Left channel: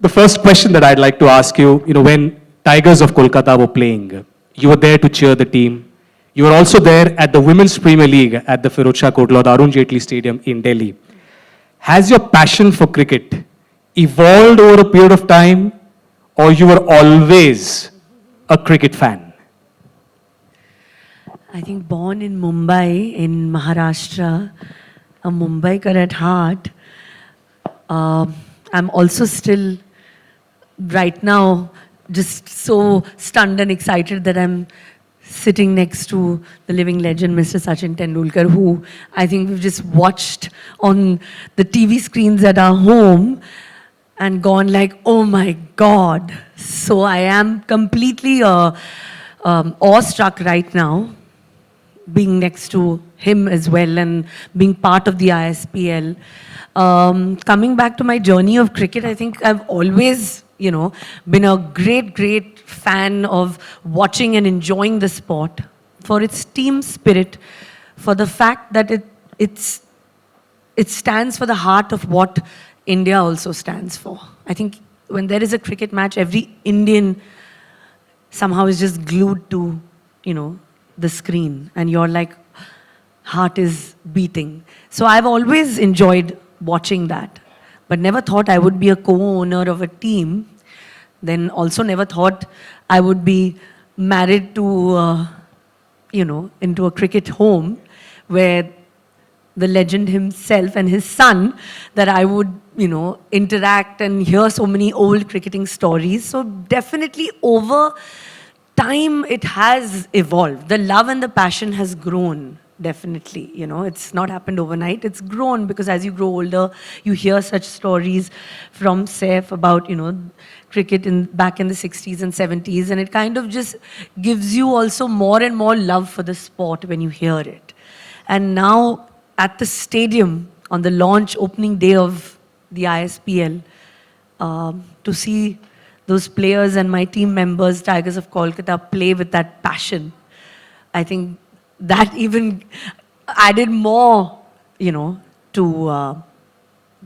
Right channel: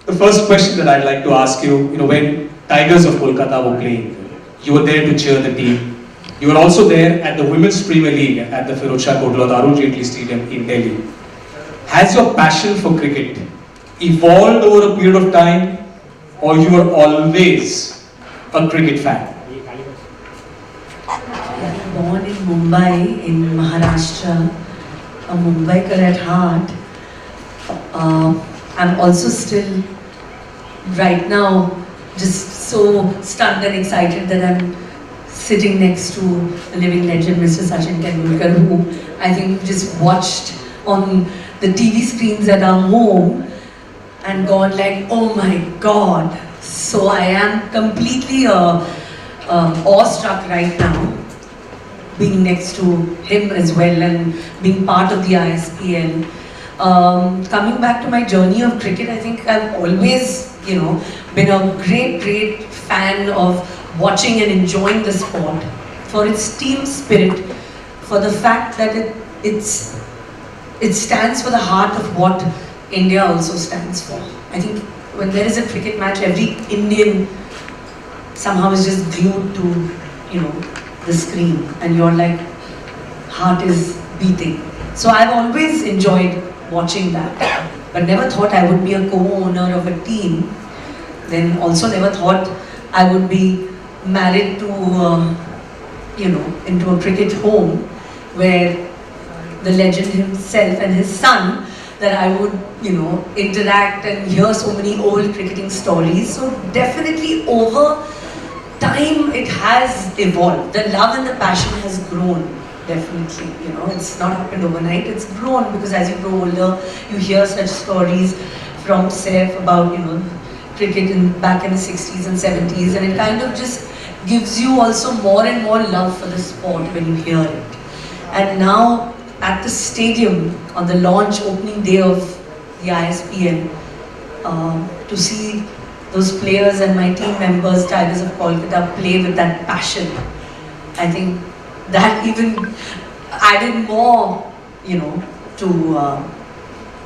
The first question that I'd like to ask you, when Tigers of Kolkata were playing, you were there to cheer the team. You were also there at the Women's Premier League at the Firozshah Kotla, the Arun Jaitley Stadium in Delhi. Has your passion for cricket evolved over a period of time, or you were always a cricket fan? I was born in Mumbai, in Maharashtra, a Mumbaikar at heart. I'm also still, right now, just so stunned and excited that I'm sitting next to the living legend, Mr. Sachin Tendulkar, who I think we've just watched on the TV screens at our home and gone like, oh my God. So I am completely awestruck right now, being next to him as well and being part of the ISPL. Coming back to my journey of cricket, I think I've always, been a great fan of watching and enjoying the sport for its team spirit, for the fact that it stands for the heart of what India also stands for. I think when there is a cricket match, every Indian somehow is just glued to, the screen, and your heart is beating. So I've always enjoyed watching that, but never thought I would be a co-owner of a team. Then also never thought I would be married to, into a cricket home where the legend himself and his son, that I would, interact and hear so many old cricketing stories. So definitely over time it has evolved. The love and the passion has grown, definitely. It's not happened overnight. It's grown because as you grow older, you hear such stories from Saif about, cricket back in the 60s and 70s, and it kind of just gives you also more and more love for the sport when you hear it. And now at the stadium on the launch opening day of the ISPL, to see those players and my team members, Tigers of Kolkata, play with that passion, I think that even added more, to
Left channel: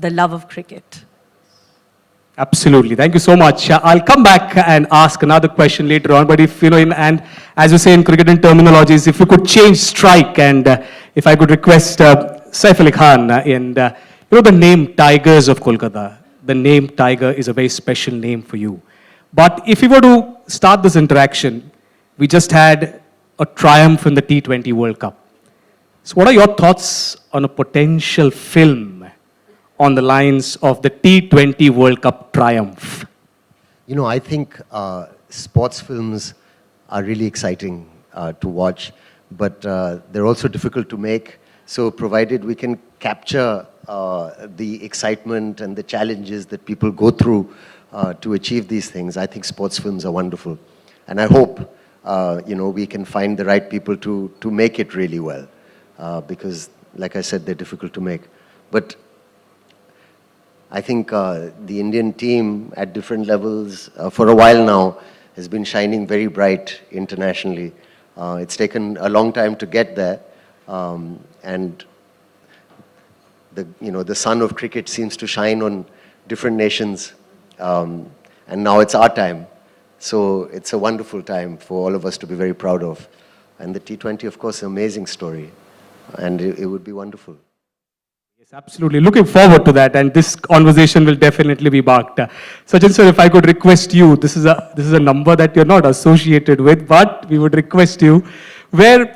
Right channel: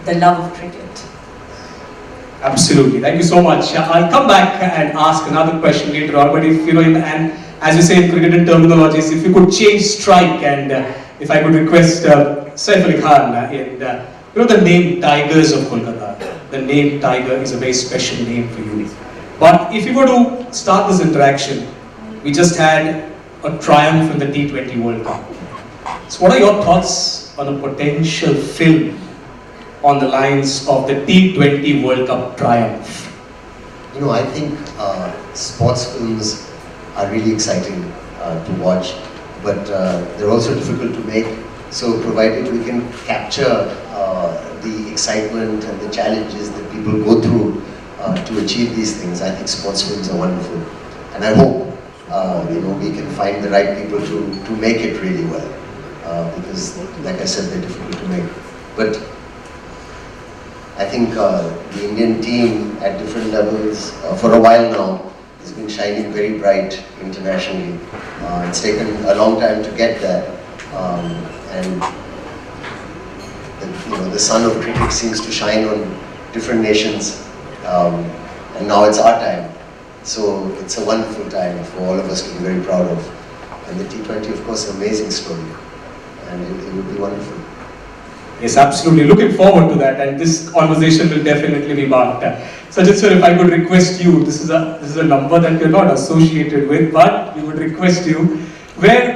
the love of cricket. Absolutely. Thank you so much. I'll come back and ask another question later on, but if, and as you say in cricket terminologies, if you could change strike, and if I could request Saif Ali Khan, and the name Tigers of Kolkata, the name Tiger is a very special name for you. But if you were to start this interaction, we just had a triumph in the T20 World Cup. So what are your thoughts on a potential film on the lines of the T20 World Cup triumph? I think sports films are really exciting to watch, but they're also difficult to make. So provided we can capture the excitement and the challenges that people go through to achieve these things, I think sports films are wonderful. And I hope we can find the right people to make it really well. Because, like I said, they're difficult to make. But I think the Indian team at different levels for a while now has been shining very bright internationally. It's taken a long time to get there, and the sun of cricket seems to shine on different nations, and now it's our time. So it's a wonderful time for all of us to be very proud of. And the T20, of course, is an amazing story, and it will be wonderful. Yes, absolutely. Looking forward to that, and this conversation will definitely be marked. So just if I could request you, this is a number that you're not associated with, but we would request you, where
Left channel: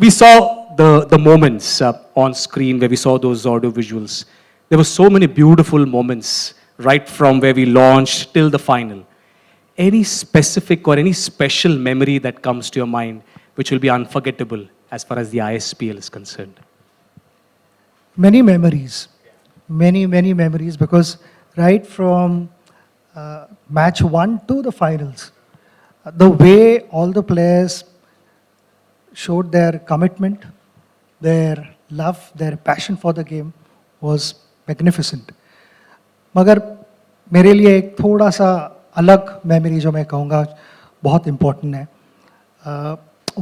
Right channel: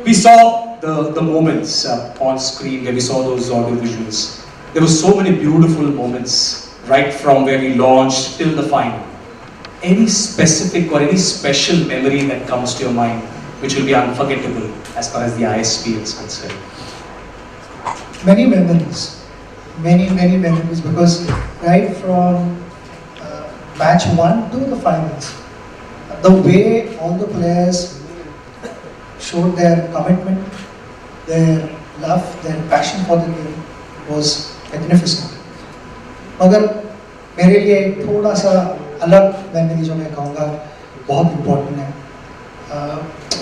we saw the moments on screen where we saw those audio visuals. There were so many beautiful moments, right from where we launched till the final. Any specific or any special memory that comes to your mind, which will be unforgettable as far as the ISP is concerned? Many memories, because right from match 1 to the finals, the way all the players showed their commitment, their love, their passion for the game was magnificent. मगर मेरे लिए एक थोड़ा सा अलग memory जो मैं कहूँगा बहुत इम्पोर्टेंट है.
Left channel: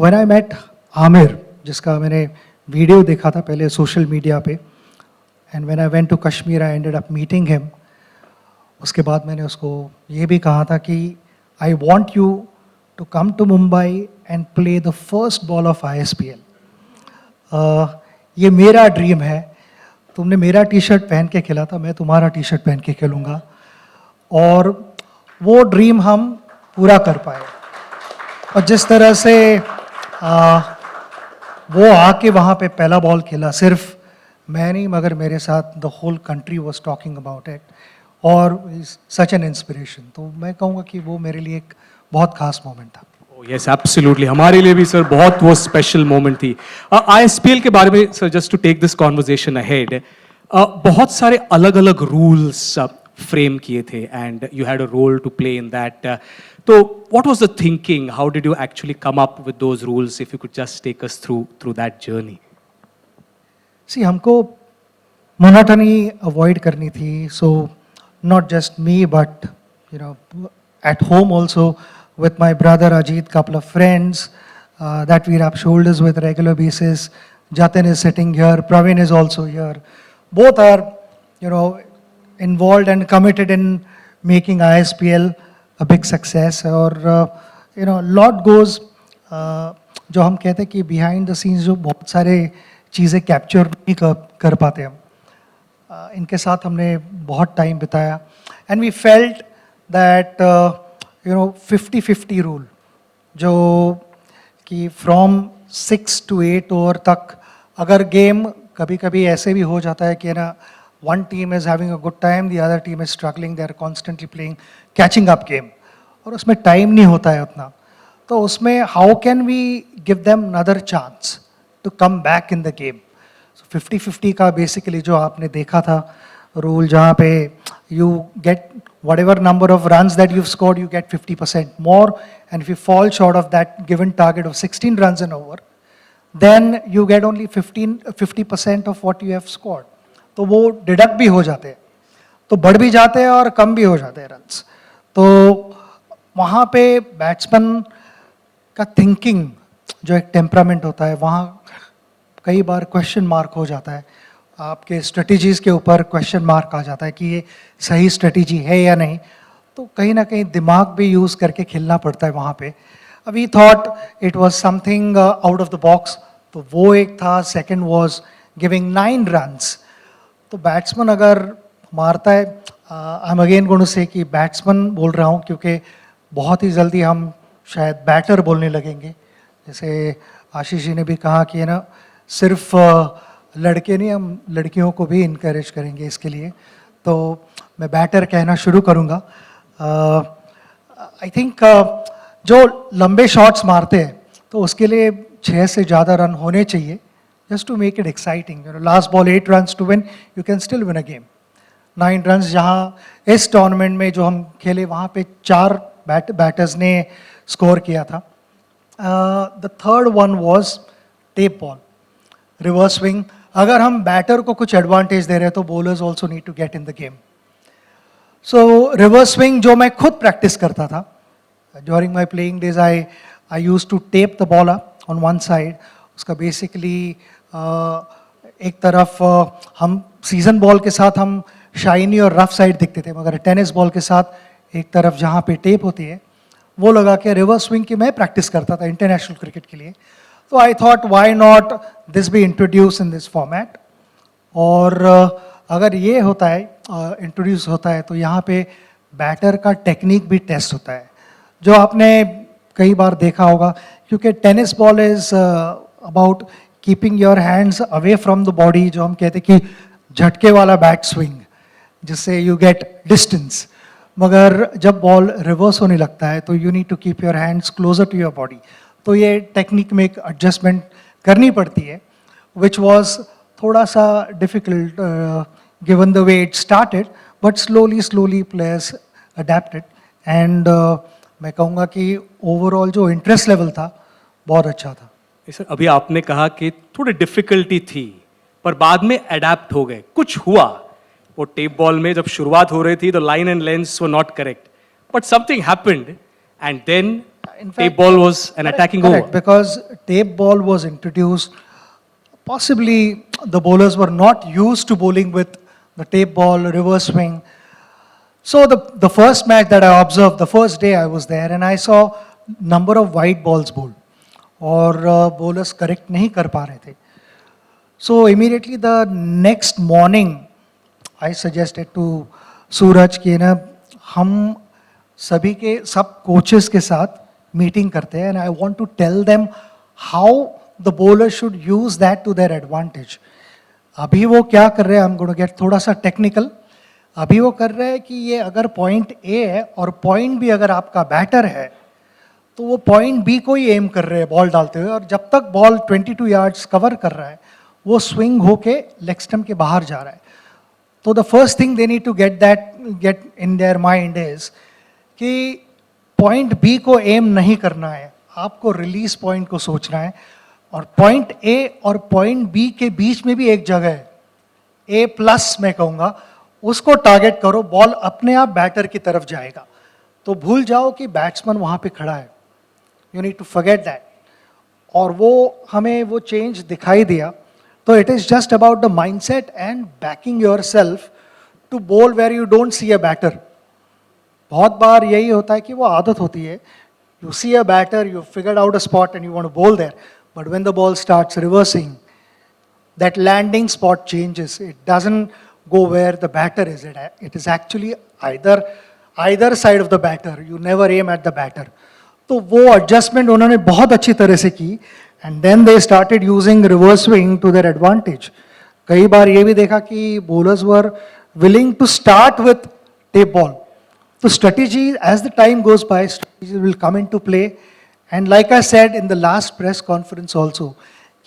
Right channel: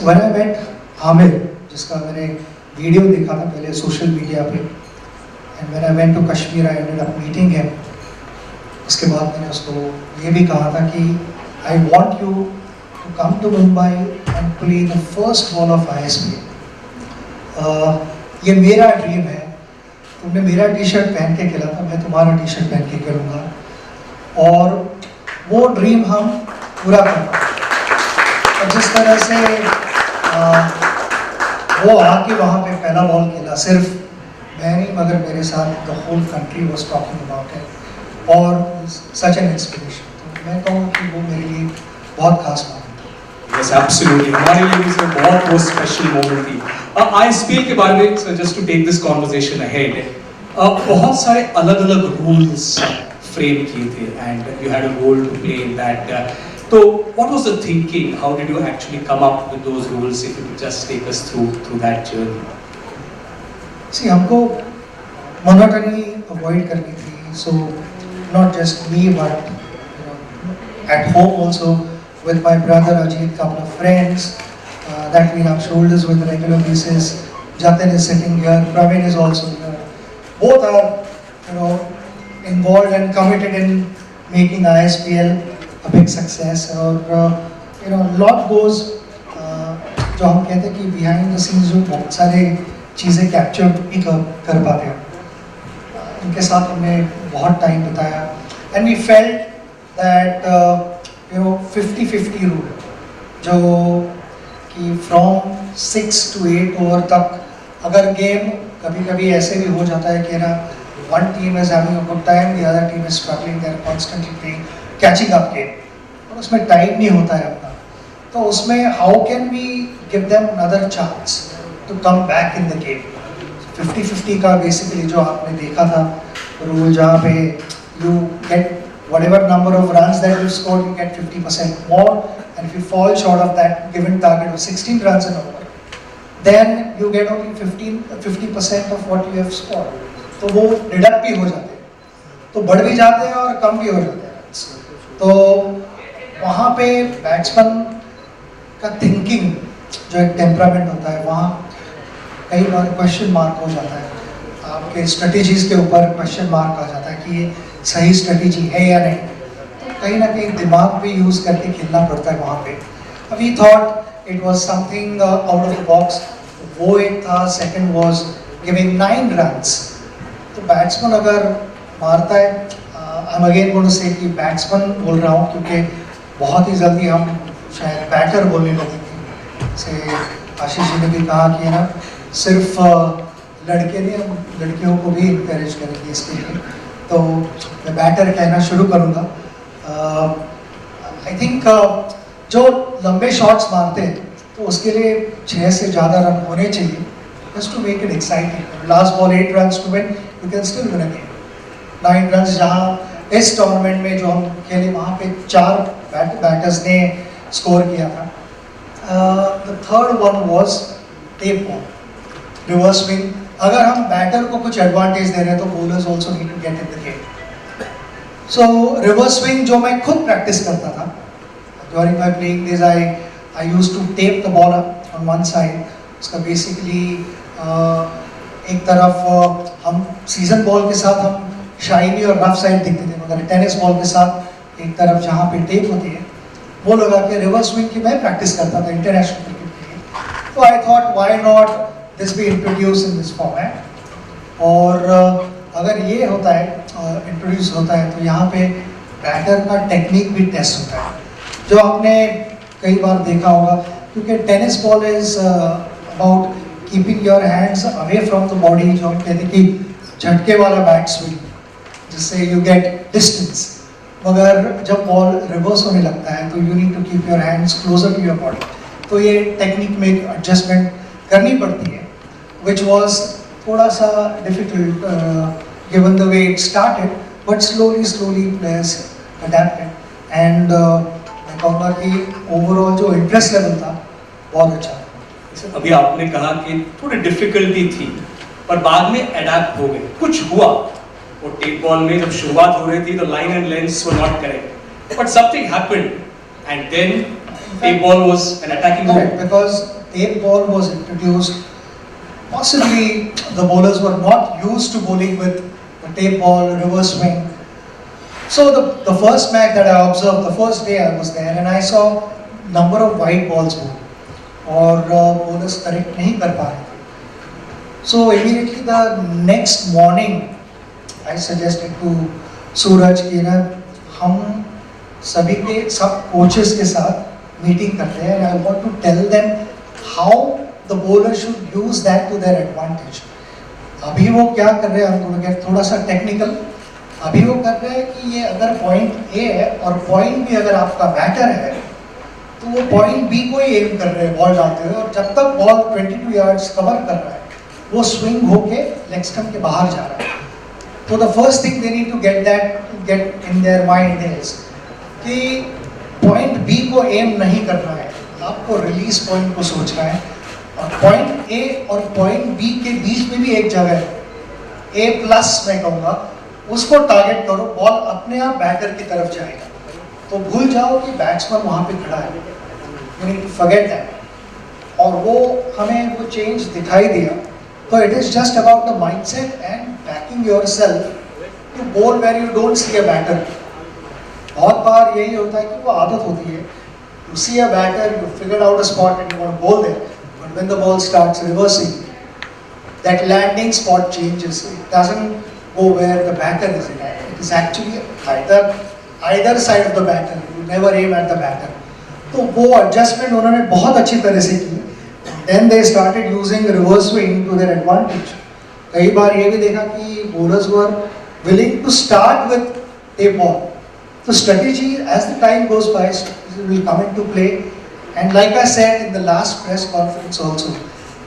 When I met आमिर, जिसका मैंने वीडियो देखा था पहले सोशल मीडिया पे, and when I went to Kashmir I ended up meeting him. उसके बाद मैंने उसको ये भी कहा था कि I want you to come to Mumbai and play the first ball of ISPL. ये मेरा ड्रीम है. तुमने मेरा टी शर्ट पहन के खेला था, मैं तुम्हारा टी शर्ट पहन के खेलूँगा और वो ड्रीम हम पूरा कर पाए. और जिस तरह से वो आके वहाँ पे पहला बॉल खेला, सिर्फ मैं नहीं मगर मेरे साथ the whole country was talking about it और सच एन इंस्पिरेशन. तो मैं कहूँ कि वो मेरे लिए बहुत खास था. Yes, absolutely. हमारे लिए भी सर बहुत वो स्पेशल मोमेंट थी. ISPL के बारे में sir, just to take this conversation ahead, बहुत सारे अलग अलग रूल्स फ्रेम किए थे and you had a role to play in that. तो what was the thinking, how did you actually come up with those rules, if you just take us through that journey. See हमको monotony avoid करनी थी. So not just me but at home also with my brother Ajit, couple of friends that we rub shoulders with regular basis. Jatin is sitting here, Praveen is also here. Both are, involved and committed in making ISPL a big success. और a lot goes, जो हम कहते हैं कि behind the scenes जो बहुत सारे चीज़ें कैप्चर भी कर पाते हो. इनके साथ हमने बहुत टाइम बिताया and we felt that 50-50 rule, जो कि फ्रॉम 6 to 8 ओवर तक अगर गेम कभी कभी ऐसे भी हो जाता है कि ना one team is having a good time, the other team is struggling, they are constantly playing catching up game और उसमें टाइम नहीं होता है अपना. तो उसमें how can we give them another chance to come back in the game. 50-50 का basically जो आपने देखा था रूल, जहाँ पे you get whatever number of runs that you've scored, you get 50% more, and if you fall short of that given target of 16 runs and over, then you get only 50% of what you have scored. तो वो deduct भी हो जाते हैं, तो बढ़ भी जाते हैं और कम भी हो जाते हैं runs. तो वहाँ पे बैट्समैन का थिंकिंग, जो एक टेम्परामेंट होता है, वहाँ कई बार क्वेश्चन मार्क हो जाता है. आपके स्ट्रेटेजीज के ऊपर क्वेश्चन मार्क आ जाता है कि ये सही स्ट्रेटेजी है या नहीं. तो कहीं ना कहीं दिमाग भी यूज़ करके खेलना पड़ता है वहाँ पे. We thought it was something out of the box. तो वो एक था. Second was giving 9 runs. तो बैट्समैन अगर मारता है, I am again going to say कि बैट्समैन बोल रहा हूँ क्योंकि बहुत ही जल्दी हम शायद बैटर बोलने लगेंगे. जैसे आशीष जी ने भी कहा कि ना सिर्फ लड़के नहीं, हम लड़कियों को भी इंकरेज करेंगे इसके लिए. तो मैं बैटर कहना शुरू करूँगा. आई थिंक जो लंबे शॉट्स मारते हैं तो उसके लिए 6 से ज़्यादा रन होने चाहिए, just to make it exciting. Last ball 8 runs to win, you can still win a game. 9 runs जहाँ इस टूर्नामेंट में जो हम खेले वहाँ पे 4 बैटर्स ने स्कोर किया था. The third one was tape ball, reverse swing. अगर हम बैटर को कुछ एडवांटेज दे रहे हैं तो bowlers also need to get in the game. So reverse swing जो मैं खुद प्रैक्टिस करता था during my playing days, I used to tape the ball on one side. उसका बेसिकली एक तरफ हम सीजन बॉल के साथ हम शाइनी और रफ साइड दिखते थे, मगर टेनिस बॉल के साथ एक तरफ जहाँ पे टेप होती है वो लगा के रिवर्स स्विंग की मैं प्रैक्टिस करता था इंटरनेशनल क्रिकेट के लिए. तो I thought why not this be introduce in this format. और अगर ये होता है इंट्रोड्यूस होता है तो यहाँ पे बैटर का टेक्निक भी टेस्ट होता है, जो आपने कई बार देखा होगा. क्योंकि tennis ball is about keeping your hands away from the body, जो हम कहते हैं कि झटके वाला बैट स्विंग, जिससे यू गेट डिस्टेंस. मगर जब बॉल रिवर्स होने लगता है तो you need to keep your hands closer to your body. तो ये टेक्निक में एडजस्टमेंट करनी पड़ती है, which was थोड़ा सा difficult given the way it started, but slowly players adapted and मैं कहूँगा कि overall जो interest level था बहुत अच्छा था. जैसे अभी आपने कहा कि थोड़ी डिफिकल्टी थी पर बाद में अडेप्ट हो गए. कुछ हुआ वो टेप बॉल में जब शुरुआत हो रही थी तो line and lengths were not correct, but something happened and then tape ball was an attacking ball. Because tape ball was introduced, possibly the bowlers were not used to bowling with the tape ball, reverse swing. So the first match that I observed, the first day I was there and I saw number of white balls bowled और bowlers correct नहीं कर पा रहे थे. So immediately the next morning I suggested to सूरज कि ना हम सभी के सब कोचेस के साथ मीटिंग करते हैं and I want to tell them how the bowler should use that to their advantage. अभी वो क्या कर रहे हैं, हम थोड़ा क्या थोड़ा सा टेक्निकल, अभी वो कर रहे हैं कि ये अगर पॉइंट ए है और पॉइंट बी अगर आपका बैटर है तो वो पॉइंट बी को ही एम कर रहे हैं बॉल डालते हुए और जब तक बॉल 22 यार्ड्स कवर कर रहा है वो स्विंग होके लेग स्टंप के बाहर जा रहा है. तो the first thing they need to get in their mind is कि पॉइंट बी को एम नहीं करना है, आपको रिलीज पॉइंट को सोचना है और पॉइंट ए और पॉइंट बी के बीच में भी एक जगह है, ए प्लस मैं कहूँगा, उसको टारगेट करो, बॉल अपने आप बैटर की तरफ जाएगा. तो भूल जाओ कि बैट्समैन वहाँ पे खड़ा है, you need to forget that. और वो हमें वो चेंज दिखाई दिया. तो it is just about the mindset and backing yourself to bowl where you don't see a batter. बहुत बार यही होता है कि वो आदत होती है, you see a batter, you figure out a spot and you want to bowl there, but when the ball starts reversing, that landing spot changes. It doesn't go where the batter is at. It is actually either side of the batter. You never aim at the batter. तो वो adjustment उन्होंने बहुत अच्छी तरह से की and then they started using reverse swing to their advantage. कई बार ये भी देखा कि bowlers were willing to start with tape ball. So strategy as the time goes by, strategy will come into play. And like I said in the last press conference also,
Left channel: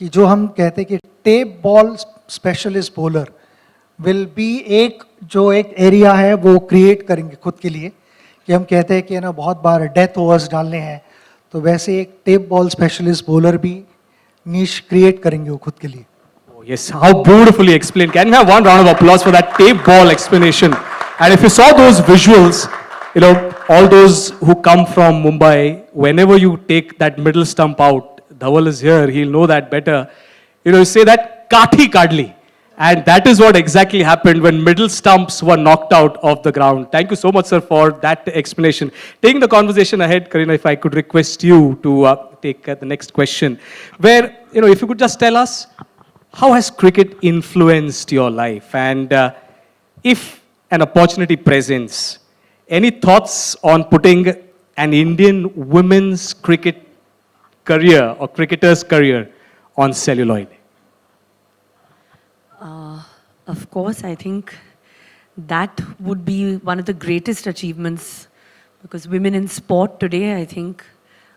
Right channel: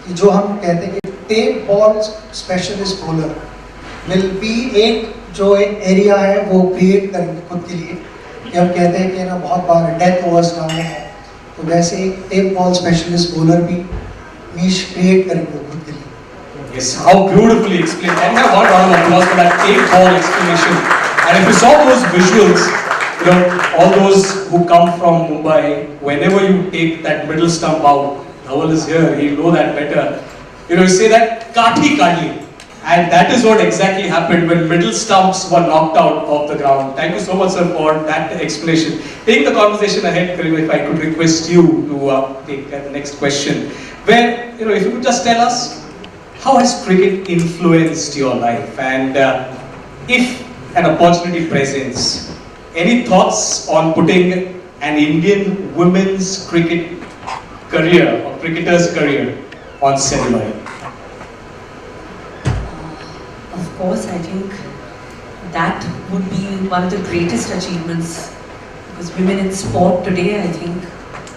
कि जो हम कहते हैं कि tape ball specialist bowler will be एक जो एक area है वो क्रिएट करेंगे खुद के लिए कि हम कहते हैं कि ना बहुत बार डेथ ओवर्स डालने हैं, तो वैसे एक टेप बॉल स्पेशलिस्ट बॉलर भी नीश क्रिएट करेंगे वो खुद के लिए. Yes, how beautifully explained. Can we have one round of applause for that tape ball explanation? And if you saw those visuals, you know, all those who come from Mumbai, whenever you take that middle stump out, Dhawal is here, he'll know that better. You know, you say that kathi kadli. And that is what exactly happened when middle stumps were knocked out of the ground. Thank you so much, sir, for that explanation. Taking the conversation ahead, Karina, if I could request you to take the next question. Where, you know, if you could just tell us, how has cricket influenced your life? And if an opportunity presents, any thoughts on putting an Indian women's cricket career or cricketer's career on celluloid? Of course, I think that would be one of the greatest achievements because women in sport today, I think,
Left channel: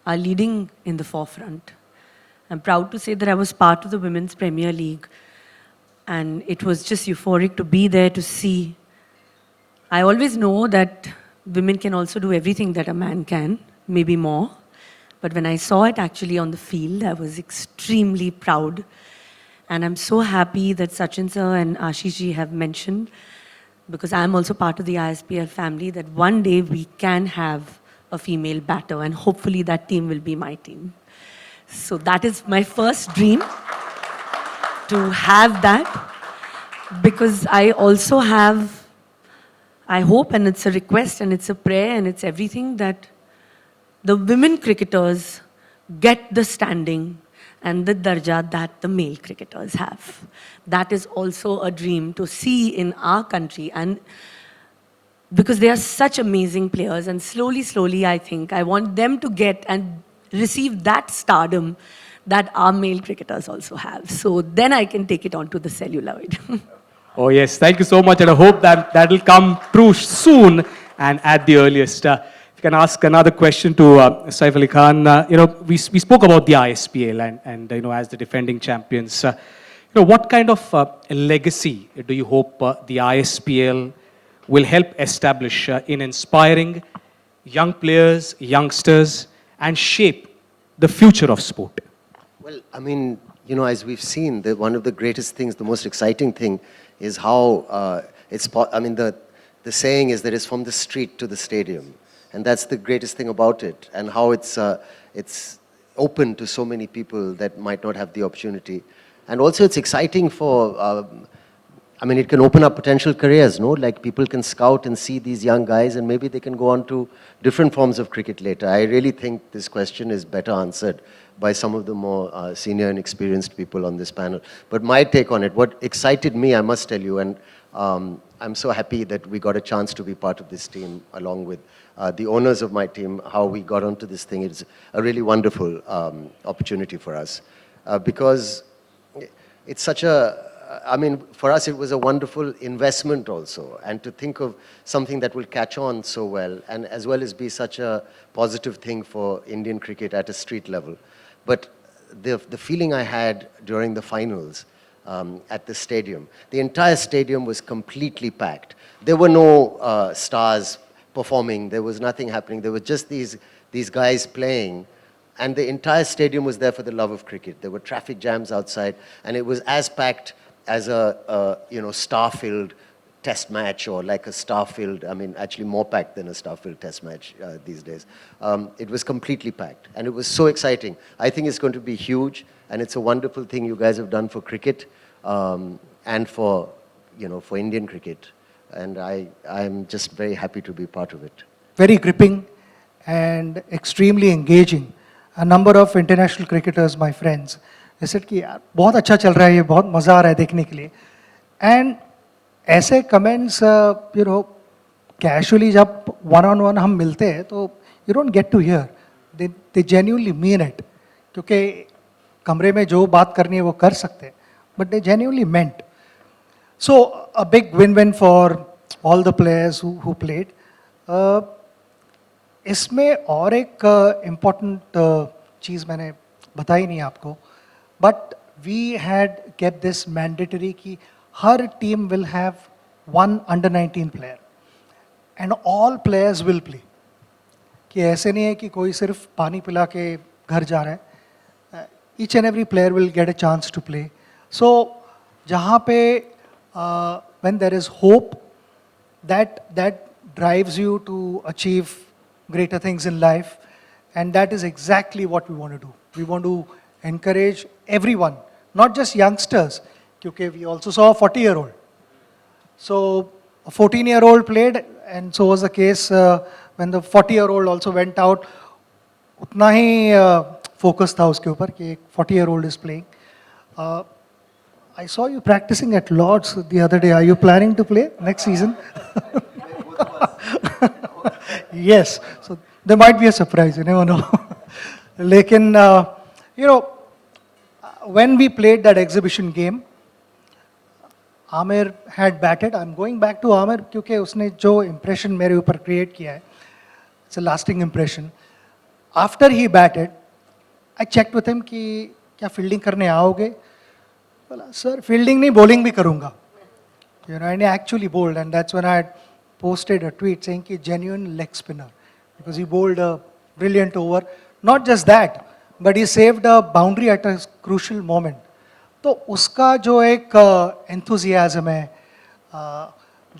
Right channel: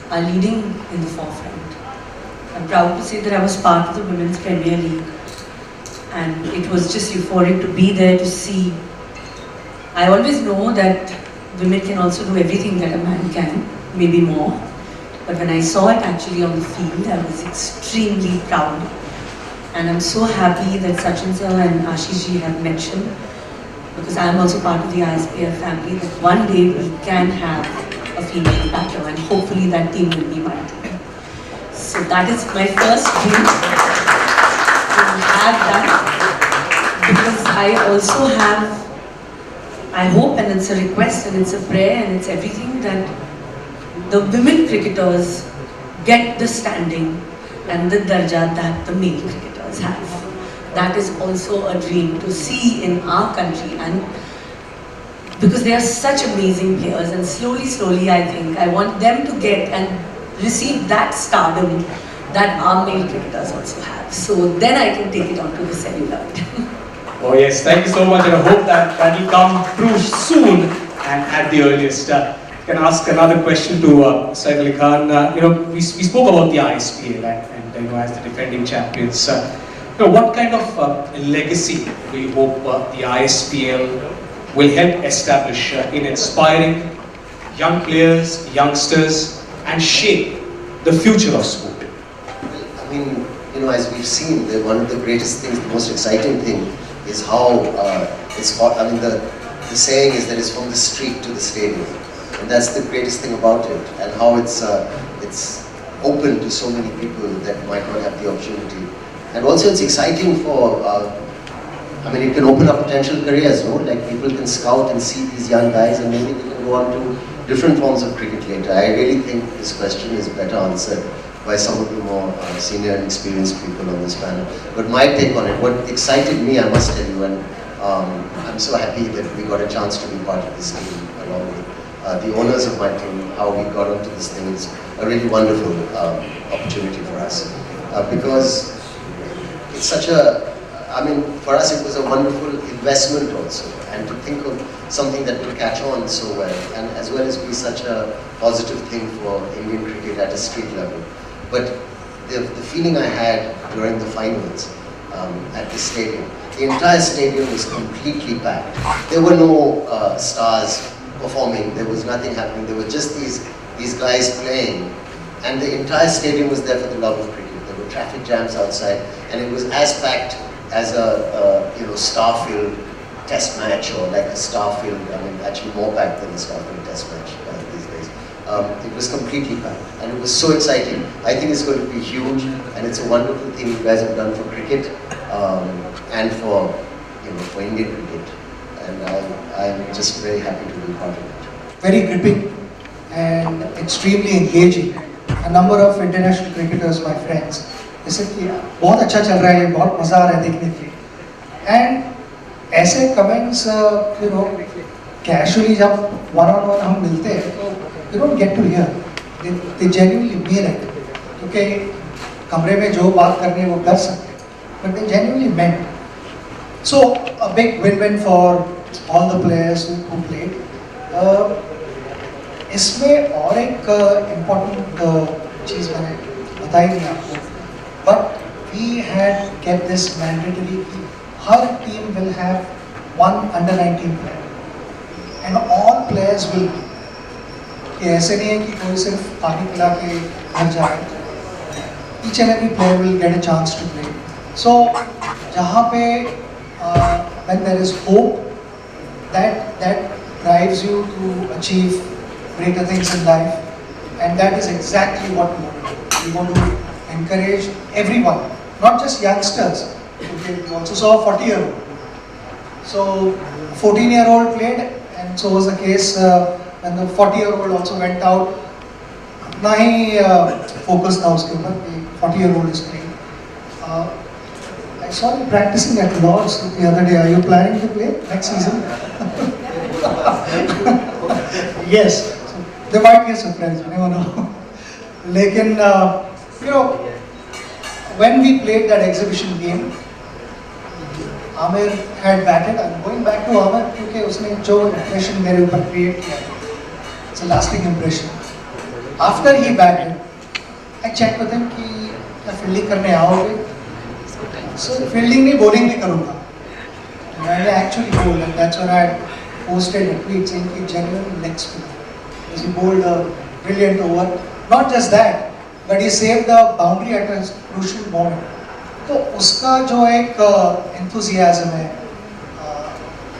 are leading in the forefront. I'm proud to say that I was part of the Women's Premier League and it was just euphoric to be there to see. I always know that women can also do everything that a man can, maybe more. But when I saw it actually on the field, I was extremely proud. And I'm so happy that Sachin sir and Ashish ji have mentioned, because I'm also part of the ISPL family, that one day we can have a female batter and hopefully that team will be my team. So that is my first dream, to have that, because I also have, I hope, and it's a request and it's a prayer and it's everything, that the women cricketers get the standing and the darja that the male cricketers have. That is also a dream to see in our country, and because they are such amazing players, and slowly I think I want them to get and receive that stardom that our male cricketers also have. So then I can take it on to the cellular. Oh yes, thank you so much, and I hope that that will come true soon and at the earliest. Can I ask another question to Saif Ali Khan? You know, we spoke about the ISPL and you know, as the defending champions. You know, what kind of legacy do you hope the ISPL will help establish in inspiring young players, youngsters, and shape the future of sport? I mean, you know, as we've seen, one of the greatest things, the most exciting thing is how the saying is that it's from the street to the stadium. And that's the greatest thing about it, and how it's open to so many people that might not have the opportunity. And also it's exciting for I mean, it can open up potential careers, no? Like people can scout and see these young guys and maybe they can go on to different forms of cricket later. I really think this question is better answered by some of the more senior and experienced people on this panel. But my take on it, what excited me, I must tell you, and I'm so happy that we got a chance to be part of this team along with the owners of my team, how we got into this thing. It's a really wonderful opportunity for us because it's such a, I mean, for us it was a wonderful investment also, and to think of something that would catch on so well, and as well as be such a positive thing for Indian cricket at a street level. But the feeling I had during the finals at the stadium, the entire stadium was completely packed. There were no stars performing, there was nothing happening, there was just these guys playing, and the entire stadium was there for the love of cricket. There were traffic jams outside, and it was as packed as a Starfield test match, or like a Starfield, I mean actually more packed than a Starfield test match these days. It was completely packed, and it was so exciting. I think it's going to be huge, and it's a wonderful thing you guys have done for cricket and for for Indian cricket, and I'm just very happy to be part of it. Very gripping and extremely engaging. A number of international cricketers, my friends, जैसे कि बहुत अच्छा चल रहा है, ये बहुत मज़ा आ रहा है देखने के लिए. And ऐसे कमेंट्स कैजुअली जब वन ऑन वन हम मिलते हैं तो you don't get to hear. They genuinely mean it. क्योंकि कमरे में जो बात करनी है वो कर सकते हैं, but they genuinely meant. So a big win-win for all the players who played. इसमें और एक इम्पोर्टेंट चीज़ मैंने बताई थी आपको, but we had kept this mandatory कि हर team will have one under-19 player, and all players will. कि ऐसे नहीं है कि कोई सिर्फ पानी पिला के घर जाए. Each and every player will get a chance to play. So जहाँ पे when there is hope, that drives you to achieve greater things in life, and that is exactly what we want to do. We want to encourage everyone, not just youngsters. We also saw a 40-year-old. So 14-year-old played, and so was the case when the 40-year-old also went out. अपना ही focus था उसके ऊपर कि 40-year-old is playing. I saw you practicing at Lord's the other day. Are you planning to play next season? Yes. There might be a surprise, you never know. Lekin, when we played that exhibition game, Amir had batted. I'm going back to Amir क्योंकि उसने जो impression मेरे ऊपर create किया, it's a lasting impression. After he batted, I checked with him कि क्या fielding करने आओगे? So fielding नहीं bowling भी करूँगा. And I actually told, and that's when I posted a tweet saying कि genuine next to me. Because he bowled a brilliant over. Not just that, but he saved the boundary at a crucial moment. तो उसका जो एक enthusiasm है,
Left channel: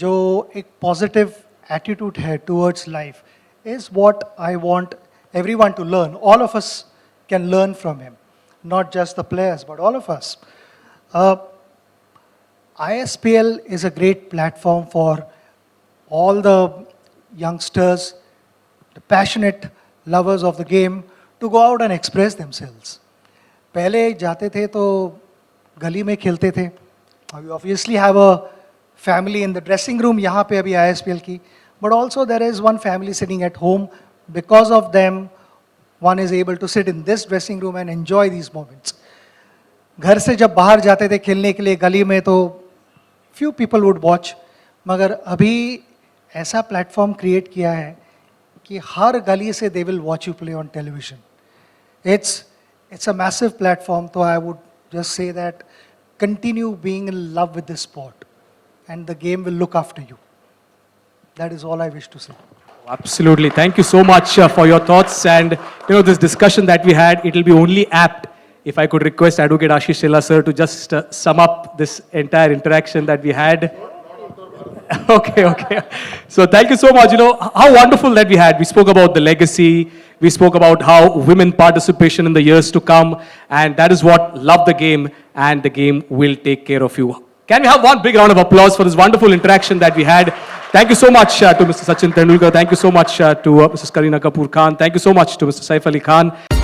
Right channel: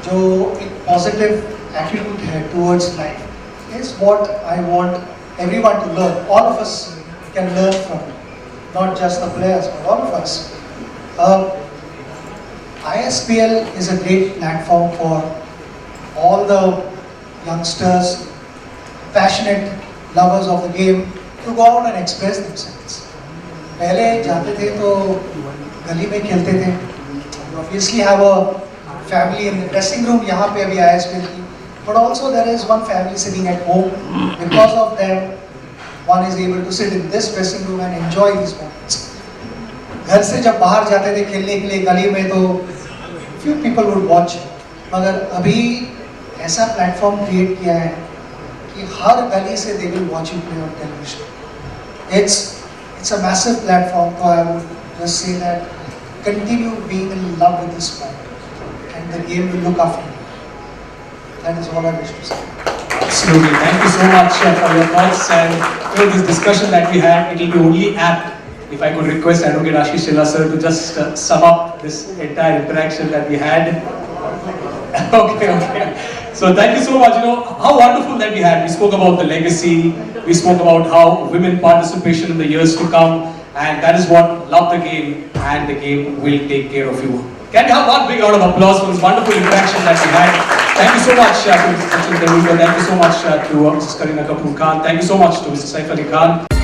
जो एक positive attitude है towards life, is what I want everyone to learn. All of us can learn from it, not just the players, all of us. ISPL is a great platform for all the youngsters, passionate lovers of the game, to go out and express themselves. पहले जाते थे तो गली में खेलते थे. You obviously have a family in the dressing room. यहाँ पे अभी ISPL की, but also there is one family sitting at home. Because of them, one is able to sit in this dressing room and enjoy these moments. घर से जब बाहर जाते थे खेलने के लिए गली में तो few people would watch. मगर अभी ऐसा प्लेटफॉर्म क्रिएट किया है कि हर गली से they will watch you play on television. It's a massive platform, so I would just say that continue being in love with this sport, and the game will look after you. That is all I wish to say. Absolutely. Thank you so much for your thoughts, and this discussion that we had, it will be only apt if I could request Advocate Ashish Chella sir to just sum up this entire interaction that we had. Okay. So thank you so much. How wonderful that we had. We spoke about the legacy. We spoke about how women participation in the years to come, and that is what love the game, and the game will take care of you. Can we have one big round of applause for this wonderful interaction that we had? Thank you so much to Mr. Sachin Tendulkar. Thank you so much to Mrs. Kareena Kapoor Khan. Thank you so much to Mr. Saif Ali Khan.